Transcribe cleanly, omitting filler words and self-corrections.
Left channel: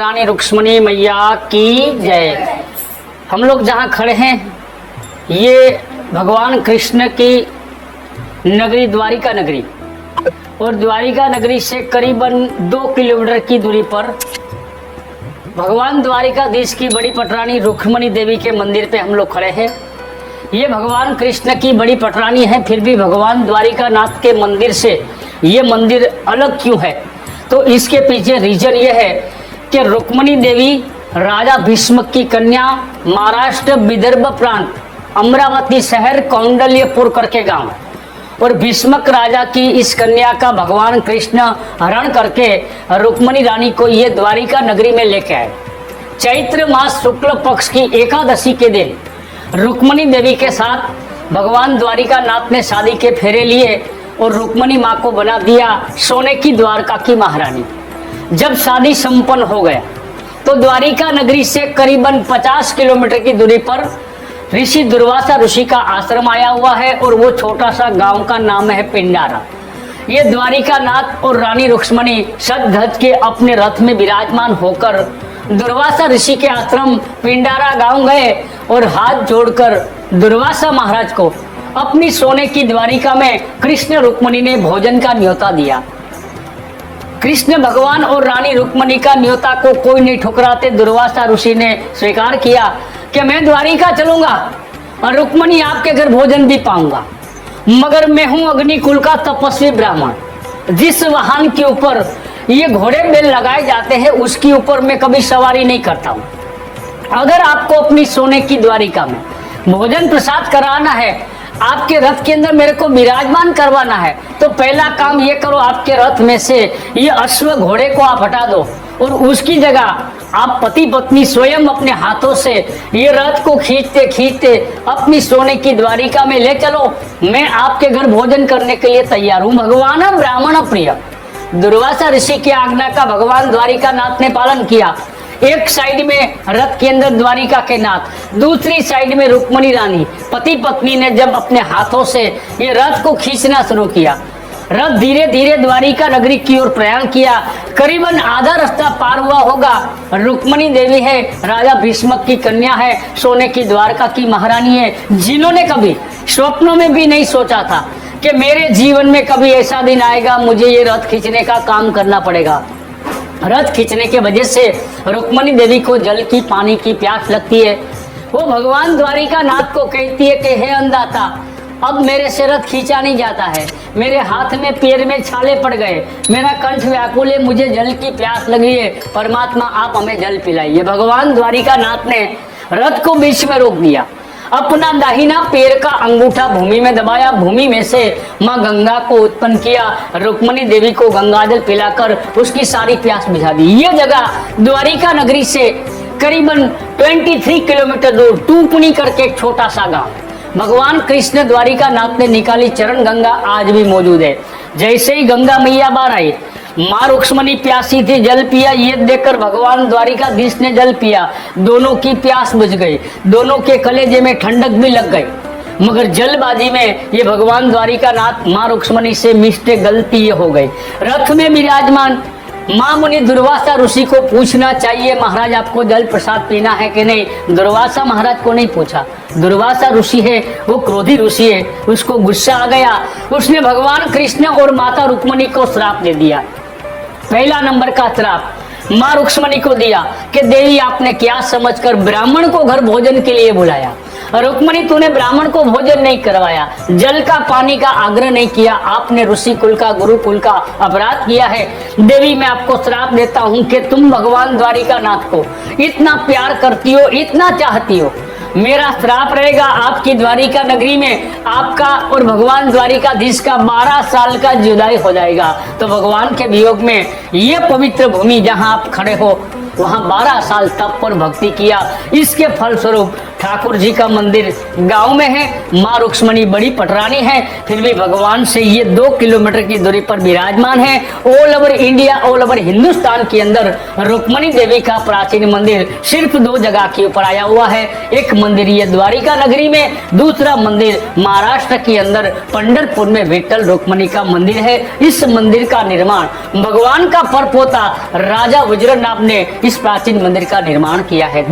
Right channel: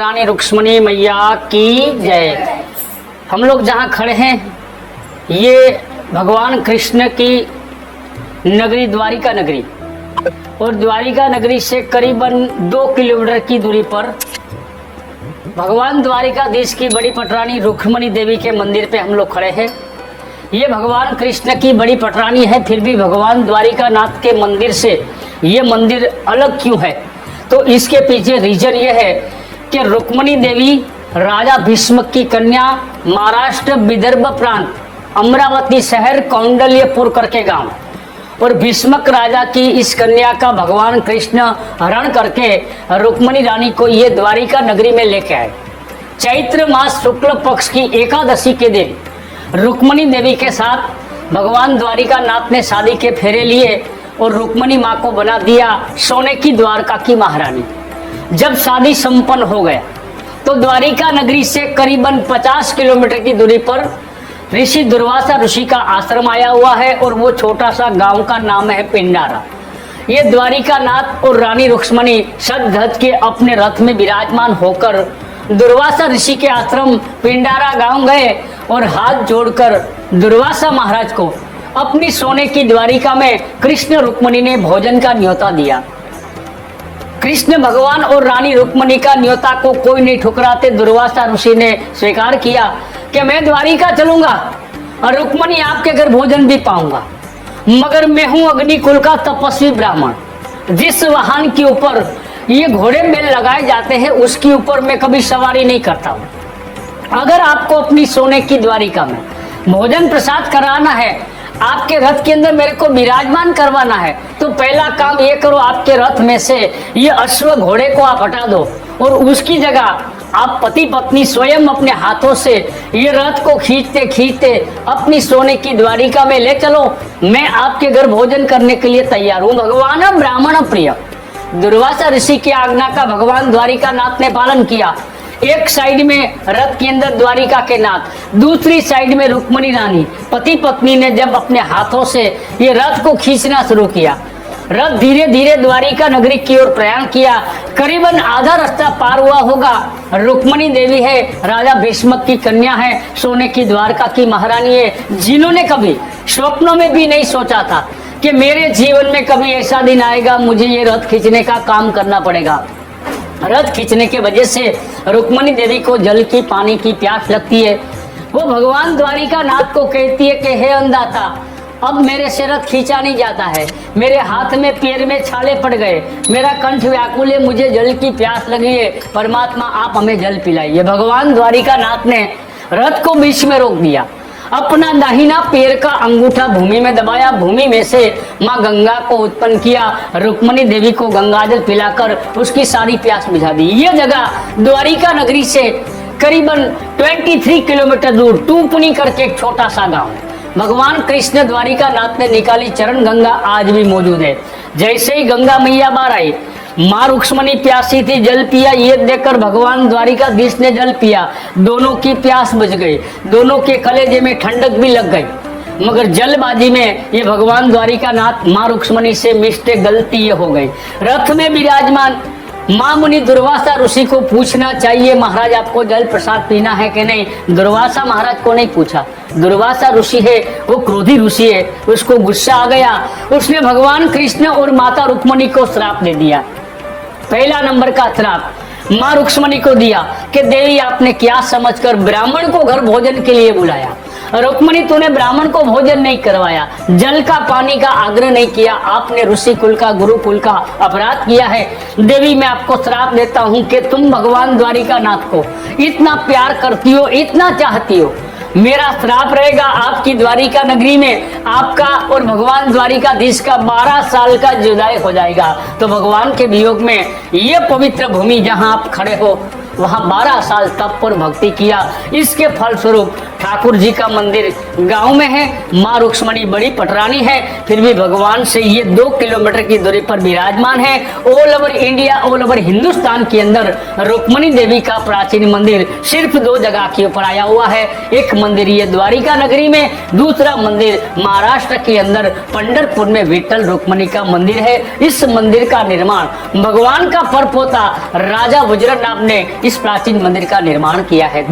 रानी रुक्मणी मैया की जय। हम लोग जहाँ खड़े हैं ये भगवान कृष्ण की नगरी द्वारिका नगरी, और द्वारिका नगरी से करीबन 2 किलोमीटर की दूरी पर भगवान द्वारिकाधीश की बड़ी पटरानी रुक्मणी देवी के मंदिर पे हम लोग खड़े हैं। ये भगवान कृष्ण की बड़ी पटरानी है, फिर भी भगवान द्वारिकानाथ के मंदिर से ये मंदिर अलग क्यों है? तो इसके पीछे रीजन ये है कि रुक्मणी देवी राजा भीष्म की कन्या, महाराष्ट्र विदर्भ प्रांत अमरावती शहर कौंडल्यपुर करके गांव, और भीष्मक राजा की इस कन्या का भगवान कृष्ण हरण करके रुक्मणी रानी को ये द्वारिका नगरी में लेके आए। चैत्र मास शुक्ल पक्ष की एकादशी के दिन रुक्मणी देवी के साथ भगवान द्वारिकानाथ ने शादी के फेरे लिए और रुक्मणी माँ को बना दिया सोने की द्वारका की महारानी। जब शादी संपन्न हो गया तो द्वारिका नगरी से करीबन 50 किलोमीटर की दूरी पर ऋषि दुर्वासा ऋषि का आश्रम आया हुआ है, और वो छोटा सा गांव का नाम है पिंडारा। ये द्वारिकानाथ और रानी रुक्मणी सज-धज के अपने रथ में विराजमान होकर दुर्वासा ऋषि के आश्रम पिंडारा गांव गए और हाथ जोड़कर दुर्वासा महाराज को अपनी सोने की द्वारिका में कृष्ण रुक्मणी ने भोजन का न्योता दिया। कृष्ण भगवान और रानी रुक्मणी का न्योता को कोई नहीं ठुकराते दुर्वासा ऋषि ने स्वीकार किया कि मैं द्वारिका चलूंगा और रुक्मणी आपके घर भोजन भी पाऊंगा, मगर मैं हूं अग्निकुल का तपस्वी ब्राह्मण। जिस वाहन के ऊपर ये घोड़े बैल लगाए जाते हैं उसके ऊपर मैं कभी सवारी नहीं करता हूं। अगर आपको अपनी सोने की द्वारिका में भोजन प्रसाद कराना है, आपके रथ के अंदर मेरे को विराजमान करवाना है, तो पहला काम ये करो, आपके रथ में से ये अश्व घोड़े को आप हटा दो और उसकी जगह आप पति पत्नी स्वयं अपने हाथों से ये रथ को खींचते खींचते अपनी सोने की द्वारिका में ले चलो। मैं आपके घर भोजन करने के लिए तैयार हूँ। भगवान ब्राह्मण प्रिय। दुर्वासा ऋषि की आज्ञा का भगवान द्वारिकानाथ ने पालन किया। एक साइड में रथ के अंदर द्वारिका के नाथ, दूसरी साइड में रुक्मणी रानी, पति पत्नी ने जब अपने हाथों से ये रथ को खींचना शुरू किया, रथ धीरे धीरे द्वारिका नगरी की ओर प्रयाण किया। करीबन आधा रास्ता पार हुआ होगा। रुक्मणी देवी है, राजा भीष्म की कन्या है, सोने की द्वारका की महारानी है, जिन्होंने कभी स्वप्नों में भी नहीं सोचा था कि मेरे जीवन में कभी ऐसा दिन आएगा मुझे ये रथ खींचने का काम करना पड़ेगा। रथ खींचने के वजह से रुक्मणी देवी को जल की, पानी की प्यास लगती है। वो भगवान द्वारिकानाथ को कहती है कि हे अंधाता, अब मेरे से रथ खींचा नहीं जाता है, मेरे हाथ में पैर में छाले पड़ गए, मेरा कंठ व्याकुल है, मुझे जल की प्यास लगी है, परमात्मा आप हमें जल पिलाइए। भगवान द्वारिकानाथ ने रथ को बीच में रोक दिया, अपना दाहिना पैर का अंगूठा भूमि में दबाया, भूमि में से माँ गंगा को उत्पन्न किया, रुक्मणी देवी को गंगाजल पिलाकर उसकी सारी प्यास बुझा दी। ये जगह द्वारिका नगरी से करीबन 23 किलोमीटर दूर टूपनी करके एक छोटा सा गांव। भगवान कृष्ण द्वारिकानाथ ने निकाली चरण गंगा आज भी मौजूद है। जैसे ही गंगा मैया बाहर आई, माँ रुक्मणी प्यासी थी, जल पिया, ये देखकर भगवान द्वारिकाधीश ने जल पिया, दोनों की प्यास बुझ गई, दोनों के कलेजे में ठंडक भी लग गई। मगर जलबाजी में ये भगवान द्वारिकानाथ माँ रुक्मणी से मिस्टेक, गलती ये हो गई। रथ में विराजमान माँ मुनि दुर्वासा ऋषि को पूछना चाहिए, महाराज आपको जल प्रसाद पीना है कि नहीं। दुर्वासा महाराज को नहीं पूछा। दुर्वासा ऋषि है वो क्रोधी ऋषि है, उसको गुस्सा आ गया, उसने भगवान कृष्ण और माता रुक्मणी को श्राप दे दिया। पहला नंबर का श्राप माँ रुक्मणी को दिया कि देवी आपने क्या समझकर ब्राह्मण को घर भोजन के लिए बुलाया, रुक्मणी तूने ब्राह्मण को भोजन नहीं करवाया, जल का पानी का आग्रह नहीं किया, आपने ऋषि कुल का, गुरुकुल का अपराध किया है। देवी मैं आपको श्राप देता हूँ कि तुम भगवान द्वारिकानाथ को इतना प्यार करती हो, इतना चाहती हो, मेरा श्राप रहेगा आपकी द्वारिका नगरी में आपका और भगवान द्वारिकाधीश का 12 साल का जुदाई हो जाएगा। तो भगवान के वियोग में ये पवित्र भूमि जहाँ आप खड़े हो वहाँ 12 साल तप और भक्ति किया। इसके फलस्वरूप ठाकुर जी का मंदिर गांव में है, माँ रुक्मणी बड़ी पटरानी है, फिर भी भगवान से ये 2 किलोमीटर की दूरी पर विराजमान है। All over India, all over Hindustan के अंदर रुक्मणी देवी का प्राचीन मंदिर सिर्फ 2 जगह के ऊपर आया हुआ है। एक मंदिर ये द्वारिका नगरी में, दूसरा मंदिर महाराष्ट्र के अंदर पंढरपुर में विठ्ठल रुक्मिणी का मंदिर है। इस मंदिर का निर्माण भगवान का परपोता राजा वज्रनाभ ने इस प्राचीन मंदिर का निर्माण किया है।